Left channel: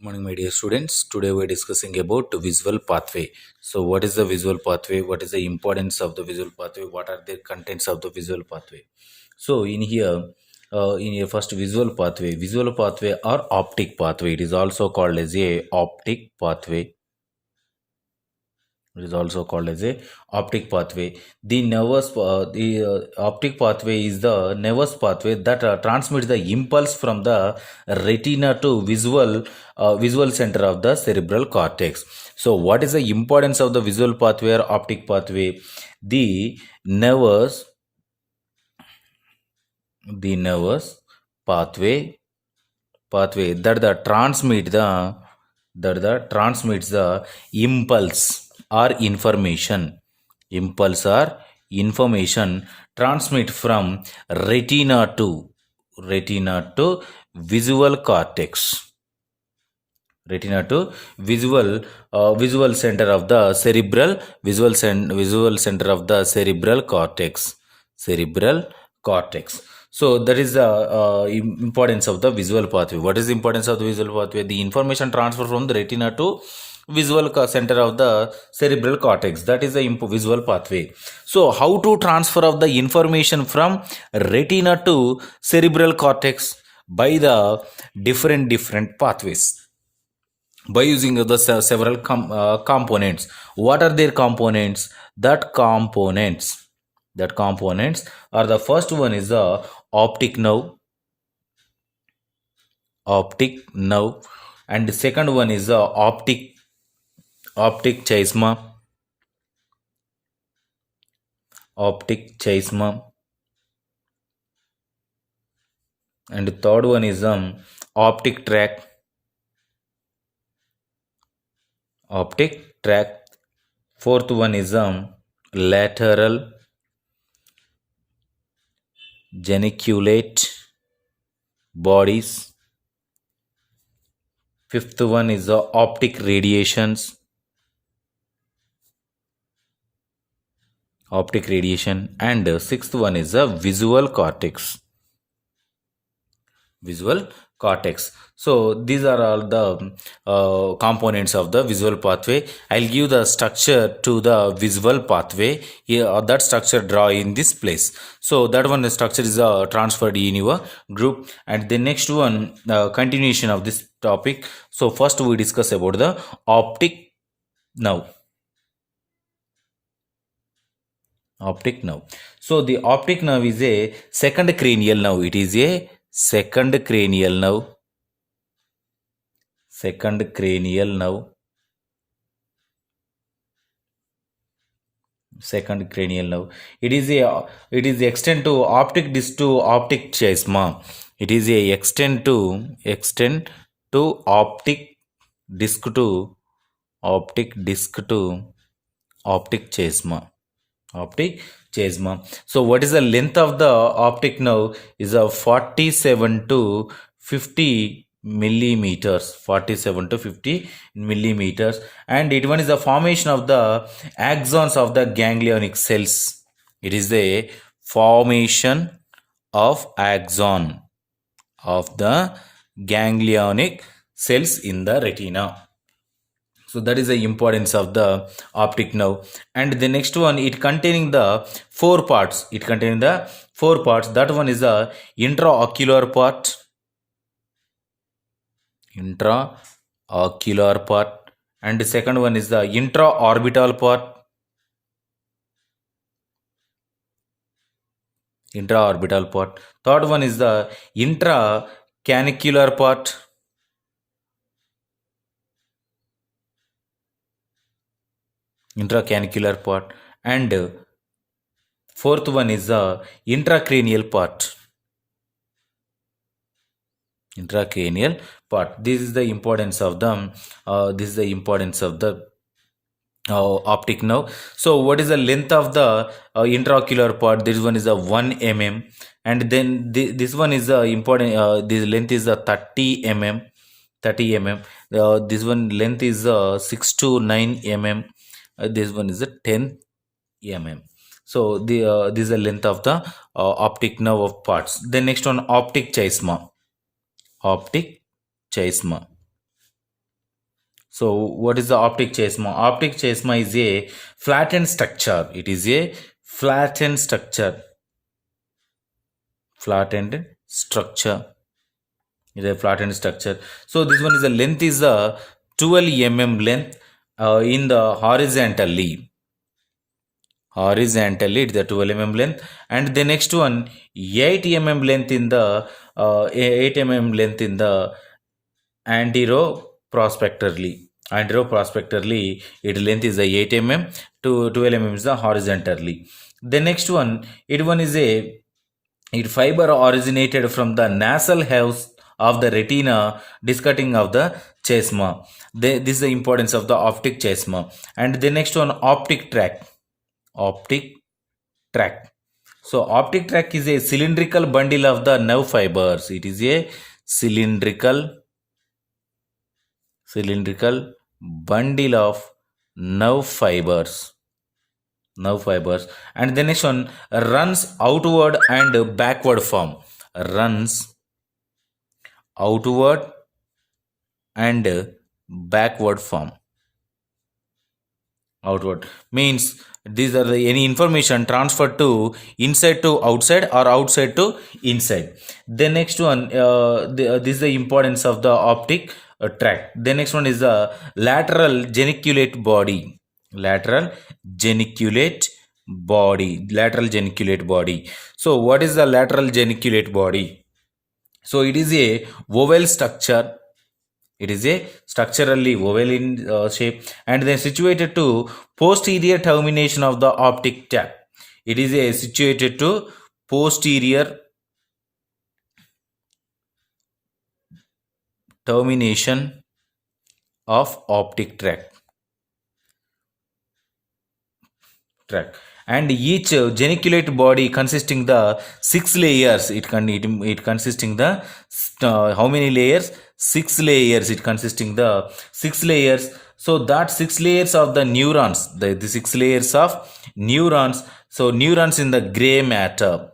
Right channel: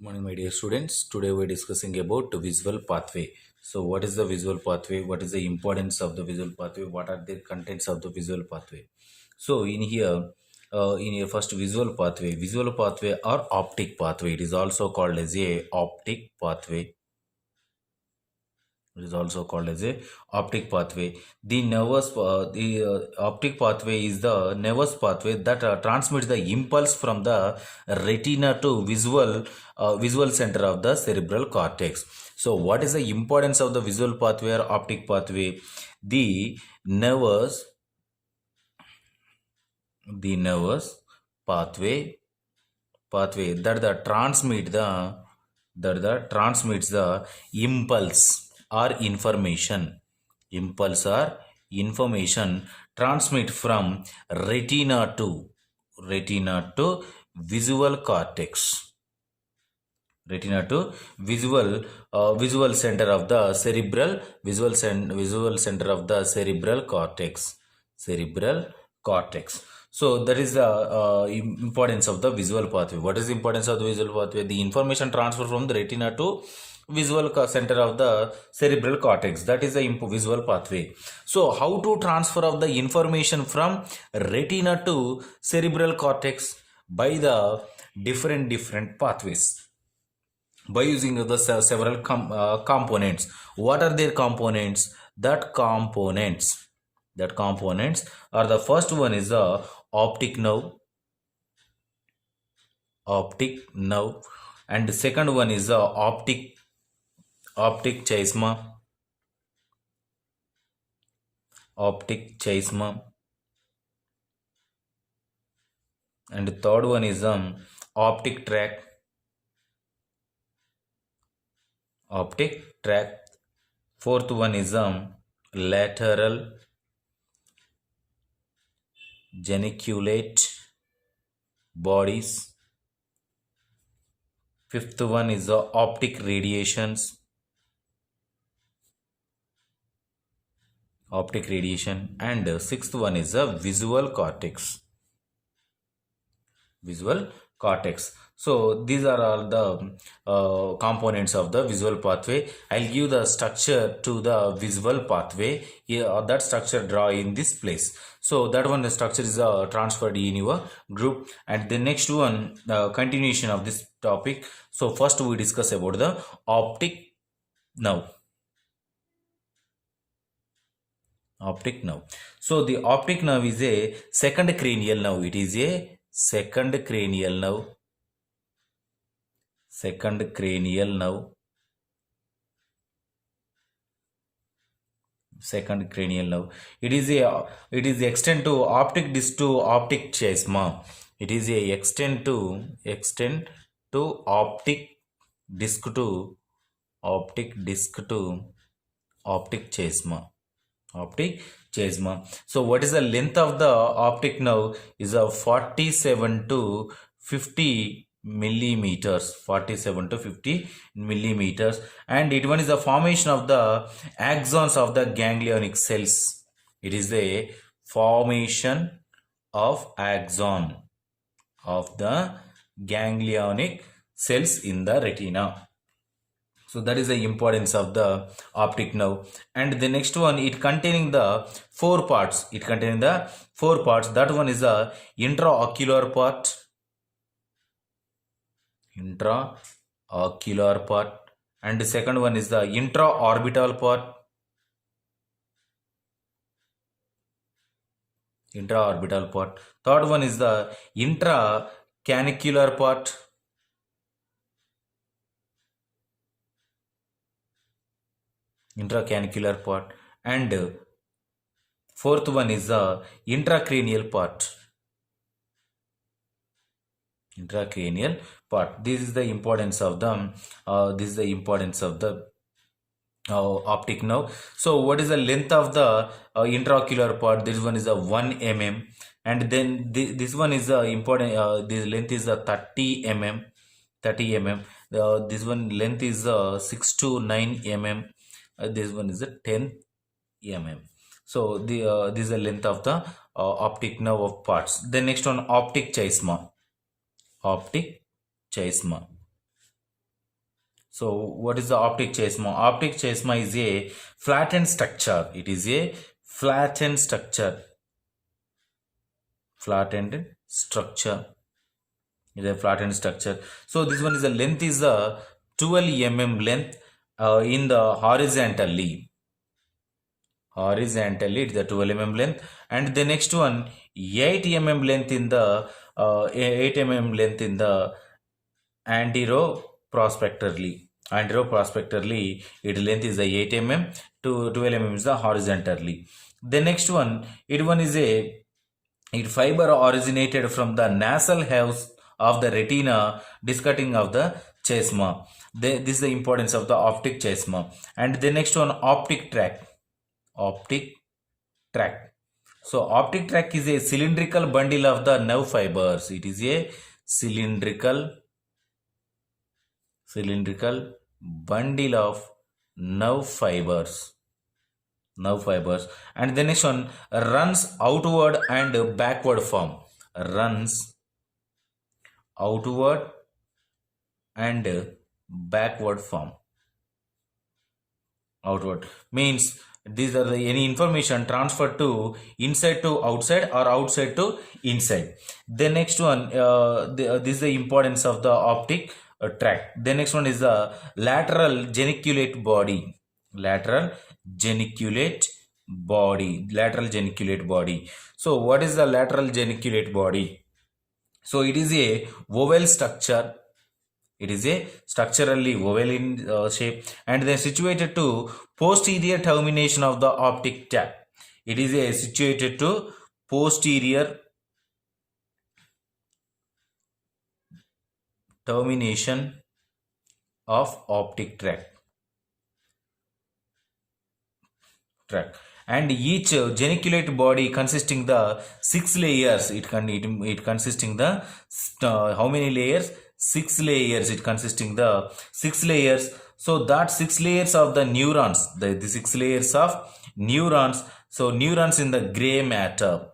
Morning, my dear students. Today we're discussing about visual pathway. So, what is the visual pathway? What is the importance of the visual pathway? What are the contents of the visual pathway? So, in your first visual pathway or optic pathway. It is also called as a optic pathway. It is also called as a optic pathway. The optic pathway is the nervous pathway that transmits the impulse from the retina to visual center of the cerebral cortex. So, what is the importance of the visual pathway or optic pathway? The nervous, the nervous pathway that the transmits the impulse or information transmit from retina to visual cortex, retina to visual center of the visual center of the cerebral cortex. So that is the importance of the visual pathway. What is the importance of the visual pathway? The information transfer from the retina to center of the cerebral cortex. That is the visual pathway. So how to transfer of the information from retina to cerebral cortex? By the different pathways, by using the several components. What are their components? That components are, the first one is the optic nerve, and the second one is the optic chiasma, and the third one is optic tract. Fourth one is lateral geniculate bodies. Fifth one is the optic radiation, and sixth one is the visual cortex. So these are all the components of the visual pathway. I'll give the structure to the visual pathway. Here, that structure draw in this place. So that one, the structure is transferred in your group. And the next one, continuation of this topic. So first we discuss about the optic nerve. So the optic nerve is a second cranial nerve. It is a second cranial nerve. It is extend to optic disc to optic chiasma. It is a extend to optic disc to optic chiasma. So what is the length of the optic nerve? Is a 47 to 50 millimeters. And it one is the formation of the axons of the ganglionic cells. It is the formation of axon of the ganglionic cells in the retina. So that is the importance of the optic nerve. And the next one, it containing the four parts. That one is the intraocular part, and the second one is the intraorbital part. Third one is the intracanicular part. And fourth one is the intracranial part. This is the importance of the optic nerve. So what is the length of the intraocular part? This one is a 1 mm, and then this one is important. This length is a 30 mm. This one length is 6 to 9 mm. This one is a 10 mm. So this is the length of the optic nerve of parts. The next one, optic chiasma. So what is the optic chiasma? Optic chiasma is a flattened structure. It is a flattened structure. Flattened structure. It is a flattened structure. So this one is the length is a 12 length in the horizontally. Horizontally, it's the 12 length, and the next one 8 length in the 8 length in the anteroprospectorly. Anteroprospectorly, its length is the 8 to 12 is the horizontally. The next one, it one is a it fiber originated from the nasal house of the retina, discutting of the chiasma. This is the importance of the optic chiasma. And the next one, optic tract. Optic tract. So optic tract is a cylindrical bundle of the nerve fibers. It is a cylindrical bundle of nerve fibers. And the next one, runs outward and backward form. Runs outward and backward form. Outward means these are any information transferred to inside to outside or outside to inside. The next one, this is the importance of the optic tract. The next one is the lateral geniculate body. Lateral geniculate body. So what is the lateral geniculate body? So it is a oval structure. It is a structurally oval in shape, and then situated to posterior termination of the optic tract. It is a situated to posterior termination of optic tract. And each geniculate body consisting the 6 layers. It consisting the how many layers? 6 layers. It consisting the 6 layers. So that 6 layers of the neurons, the 6 layers of neurons. So neurons in the gray matter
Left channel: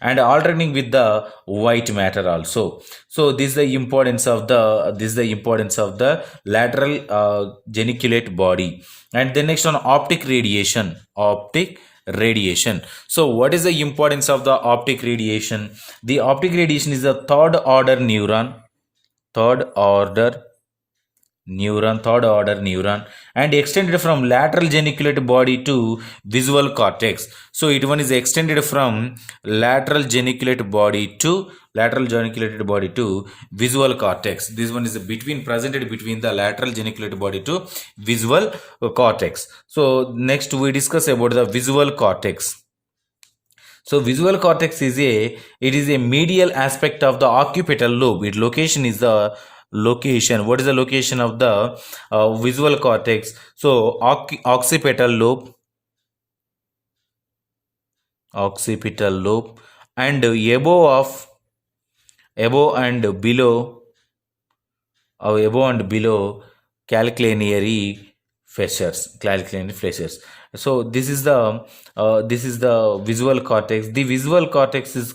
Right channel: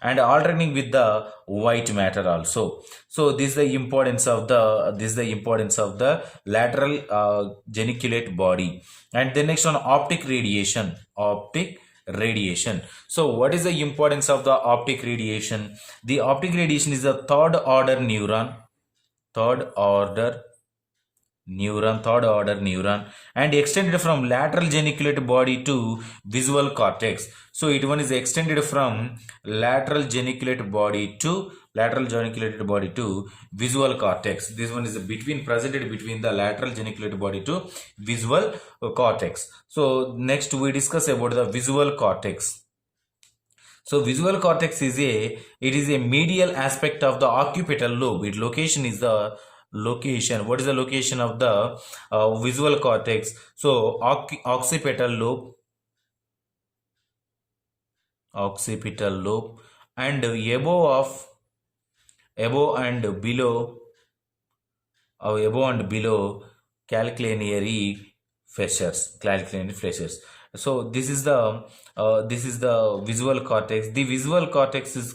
and alternating with the white matter also. So this is the importance of the lateral geniculate body. And the next one, optic radiation. So what is the importance of the optic radiation? The optic radiation is a third order neuron and extended from lateral geniculate body to visual cortex. So it one is extended from lateral geniculate body to visual cortex. This one is presented between the lateral geniculate body to visual cortex. So next we discuss about the visual cortex. So visual cortex is a medial aspect of the occipital lobe. Its location is the location. What is the location of the visual cortex? So occipital lobe and above and below calcaneary fissures. So this is the visual cortex. The visual cortex is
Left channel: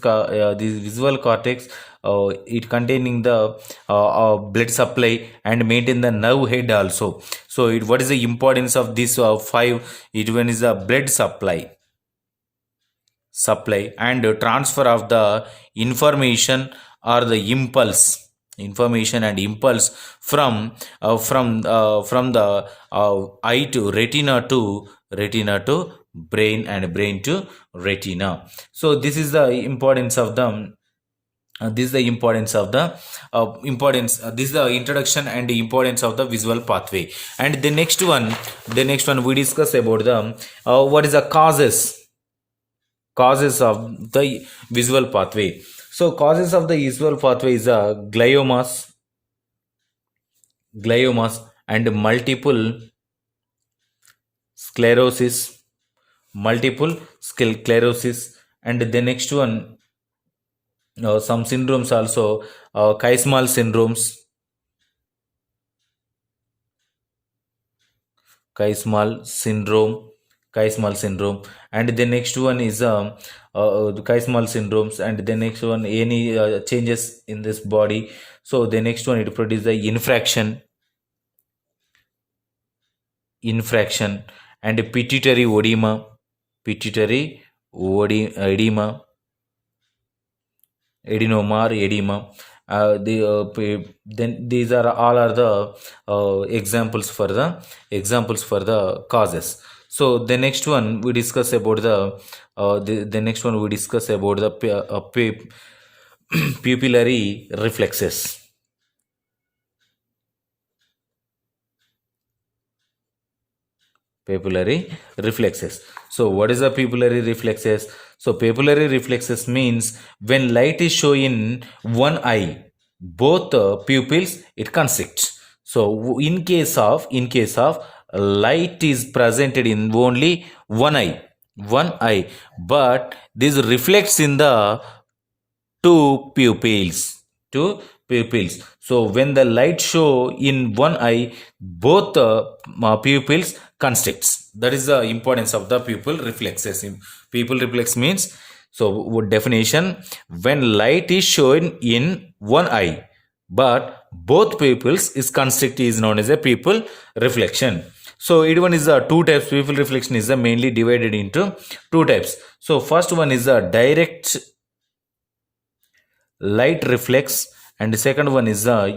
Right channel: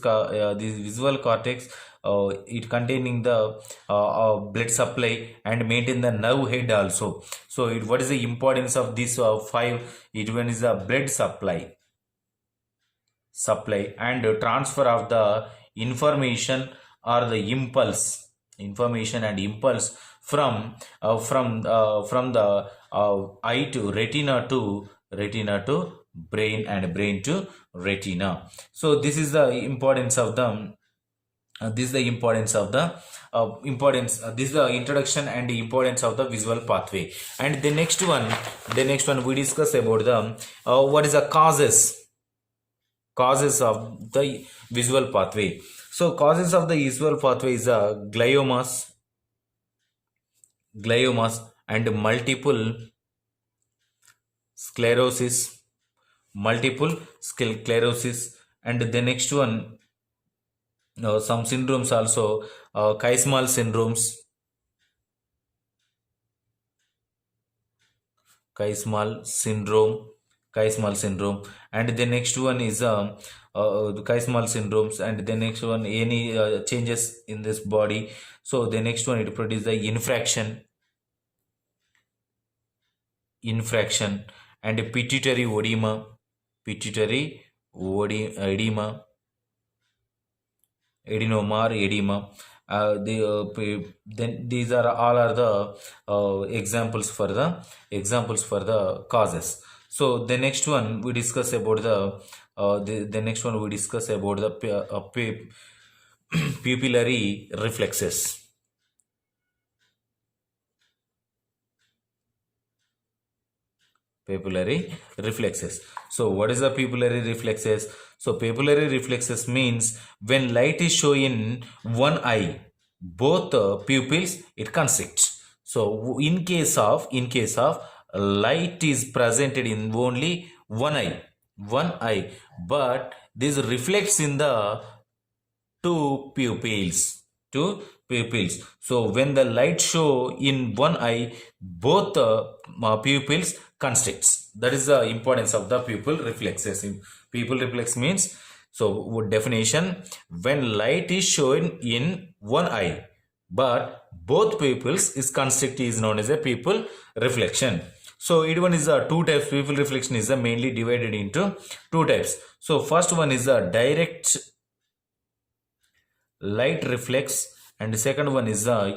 it containing the blood supply and maintain the nerve head also. So what is the importance of this 5? It one is the blood supply and transfer of the information or the impulse from the eye to retina to brain and brain to retina. So this is the importance of the this is the introduction and the importance of the visual pathway. And the next one we discuss about the what is the causes of the visual pathway. So causes of the visual pathway is gliomas and multiple sclerosis. And the next one, some syndromes also, Keismal syndromes. Keismal syndrome. And the next one is the Keismal syndromes. And the next one, any changes in this body. So the next one, it produces the infraction. infraction, and pituitary edema, adenoma or edema. Then these are all are the examples for the causes. So the next one we discuss about the next one we discuss about the pupillary reflexes. Papillary reflexes. So what is a pupillary reflexes? So papillary reflexes means when light is shown in one eye, both pupils it constricts. So in case of light is presented in only one eye, but this reflects in the two pupils. So when the light show in one eye, both pupils constricts. That is the importance of the pupil reflexes. Pupil reflex means, so definition, when light is shown in one eye but both pupils is constrict is known as a pupil reflection. So it one is a two types. Pupil reflection is mainly divided into two types. So first one is a direct light reflex, and the second one is the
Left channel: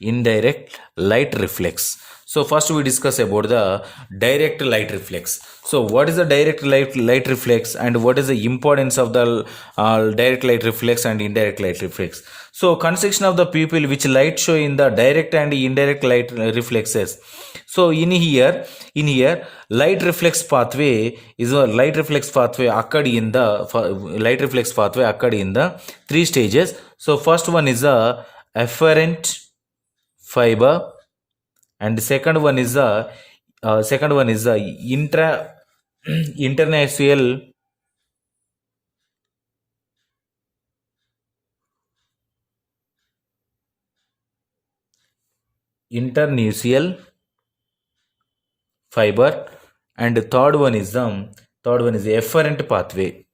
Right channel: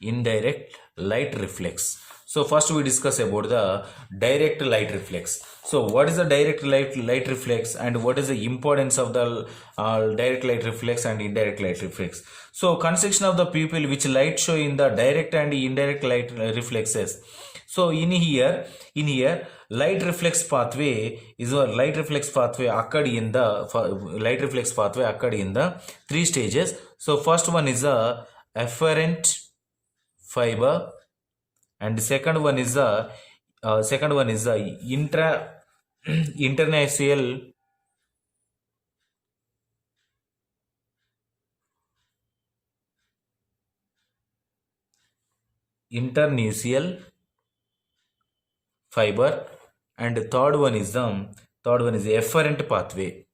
indirect light reflex. So first we discuss about the direct light reflex. So what is the direct light reflex, and what is the importance of the direct light reflex and indirect light reflex? So constriction of the pupil which light show in the direct and indirect light reflexes. So in here light reflex pathway occurred in the three stages. So first one is a afferent fiber, and the second one is the international internucial fiber, and the third one is the efferent pathway.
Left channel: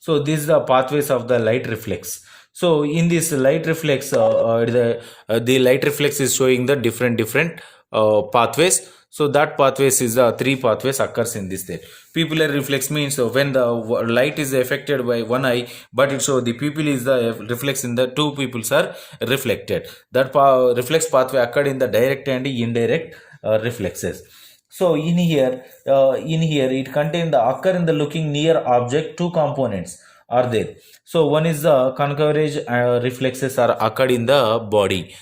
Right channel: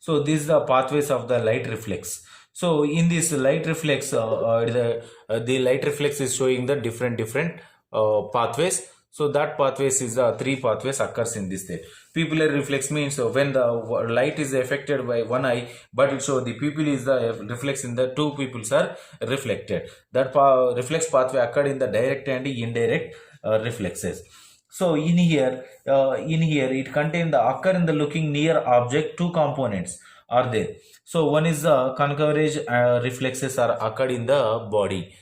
So these are the pathways of the light reflex. So in this light reflex, the light reflex is showing the different pathways. So that pathways is three pathways occurs in this there. Pupillary reflex means when the light is affected by one eye, but it show the pupil is the reflex in the two pupils are reflected. That reflex pathway occurred in the direct and indirect reflexes. So in here it contain the occur in the looking near object. Two components are there. So one is the concavage reflexes are occurred in the body.